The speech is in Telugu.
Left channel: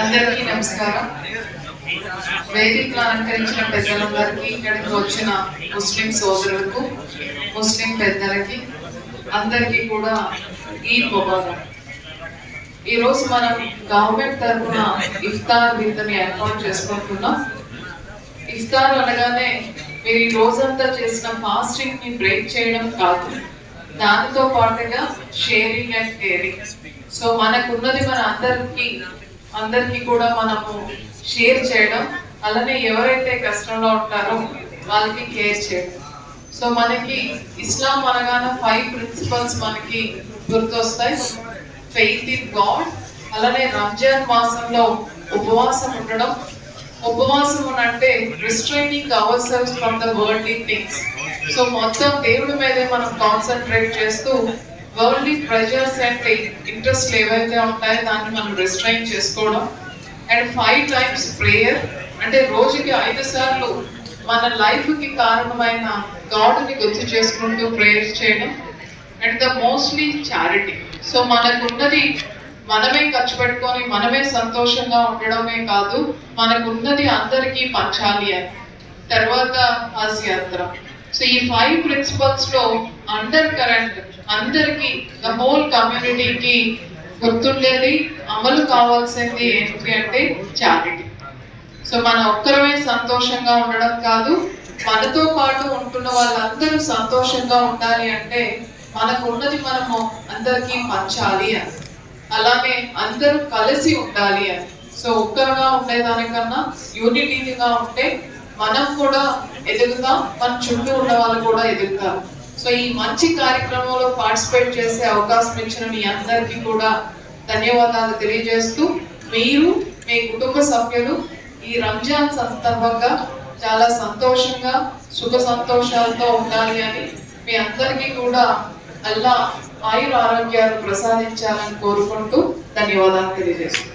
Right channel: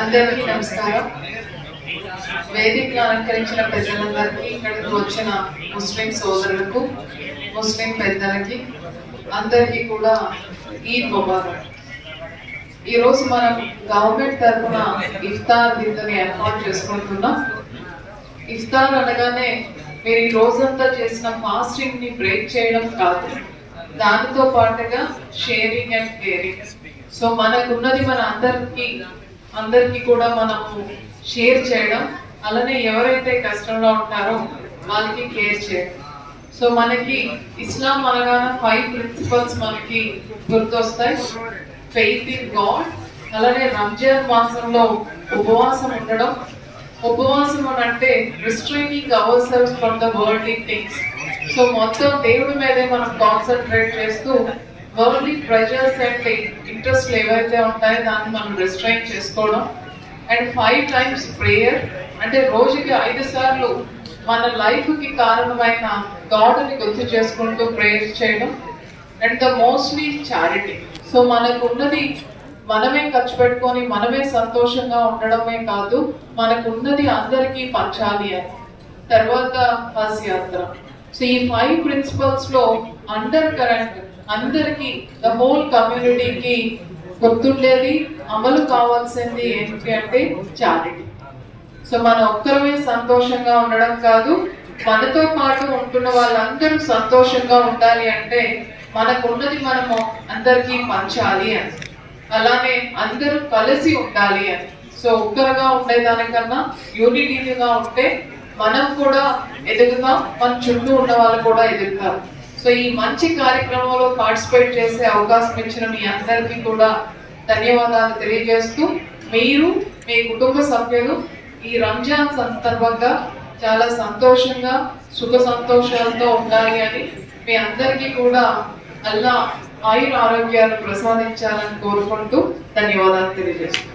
అందరికీ నమస్కారం. వేదికను అలంకరించిన పెద్దలందరికీ ఇక్కడికి వచ్చిన ముస్లిం సోదరులకు ముస్లిం పెద్దలకి అందరికీ కూడా ఈద్ ముబారక్. ఈరోజు మనం గవర్నమెంట్ తరఫున ఇఫ్తార్ విందుని ఏర్పాటు చేసుకుంటున్నాం. ఇఫ్తార్ అనగానే మీరు ఈ రోజంతా చేసిన ఫాస్టింగ్ని బ్రేక్ చేయడం కాదు. దానితో పాటుగా షేరింగ్ అండ్ కేరింగ్ సో మనకున్నది మన అందరికి అందరికి కూడా మనము షేర్ చేయడం అలానే ఎవరైతే కష్టంలో ఉంటారో వాళ్ళకి కేర్ చేయడం. సో మనకి ఇస్లాం అనగానే ఫైవ్ ప్రిన్సిపల్స్ మనకి గుర్తొస్తాయి. ఫెయిత్ ఇన్ గాడ్ అలానే రంజాన్ మాసంలో ఉపవాసం ఉండడం. ఉపవాసం అని అంటే restraining our cells from the worldly things so మొత్తం దేవుడి మీదే మనం కాన్సన్ట్రేట్ చేస్తూ వరల్డ్లీ ప్రెజర్స్ అండ్ ఇంట్రెస్ట్ ఏవైతే ఉంటాయో దాన్ని మనం రిస్ట్రైన్ చేసుకోవడం. అండ్ ఫైవ్ టైమ్స్ ప్రేయర్ అంటే రోజుకి ఐదు సార్లు మన లైఫ్కి కారణమైన గాడ్ని గుర్తు చేసుకుంటూ ప్రేయర్ చేయడం. And the mostly charity so మనకున్నది మనమే ఖర్చు పెట్టుకొని మనమే సంతోషంగా ఉండడమే కాదు మనకున్నది అందరికీ పంచాలి అని. తర్వాత హజ్ యాత్ర సో ఈ ఫైవ్ ప్రిన్సిపల్స్లో అండర్ కరెంట్ అందరికి ద హోల్ కమ్యూనిటీకి గుర్తుండేది అమలు కావాల్సింది ఏంటి అంటే చారిటీ సో మన ఒక్కరమే సంతోషంగా ఉండడం కాదు మనతో పాటు ఉంటున్న వాళ్ళందరూ సంతోషంగా ఉండాలి అంటే మనకు ఉన్నది మనము అందరికీ పంచాలి అని. అలానే అందరూ కలిసి ఉండాలి అని. సో ఒక్కరుగా ఉండేదానికన్నా యూనిటీగా ఉంటే మనం కూడా ఎదుగుతాం మన చుట్టూ ఉన్న వాళ్ళు కూడా ఎదుగుతాం సో ఈ మంచి కార్యక్రమంలో పార్టిసిపేట్ చేసే అవకాశం ఇచ్చిన మీ అందరికీ కూడా ధన్యవాదాలు తెలియజేస్తూ మీరు మీ కుటుంబ సభ్యులు ఈ రంజాన్ సందర్భంగా చాలా సంతోషంగా సుఖ సంతోషాలతో ఉండాలి అని మీ అందరికీ కూడా అల్లా ఆయుర ఆరోగ్యాలు ప్రసాదించాలని కోరుకుంటూ ధన్యవాదాలు తెలియజేస్తున్నాను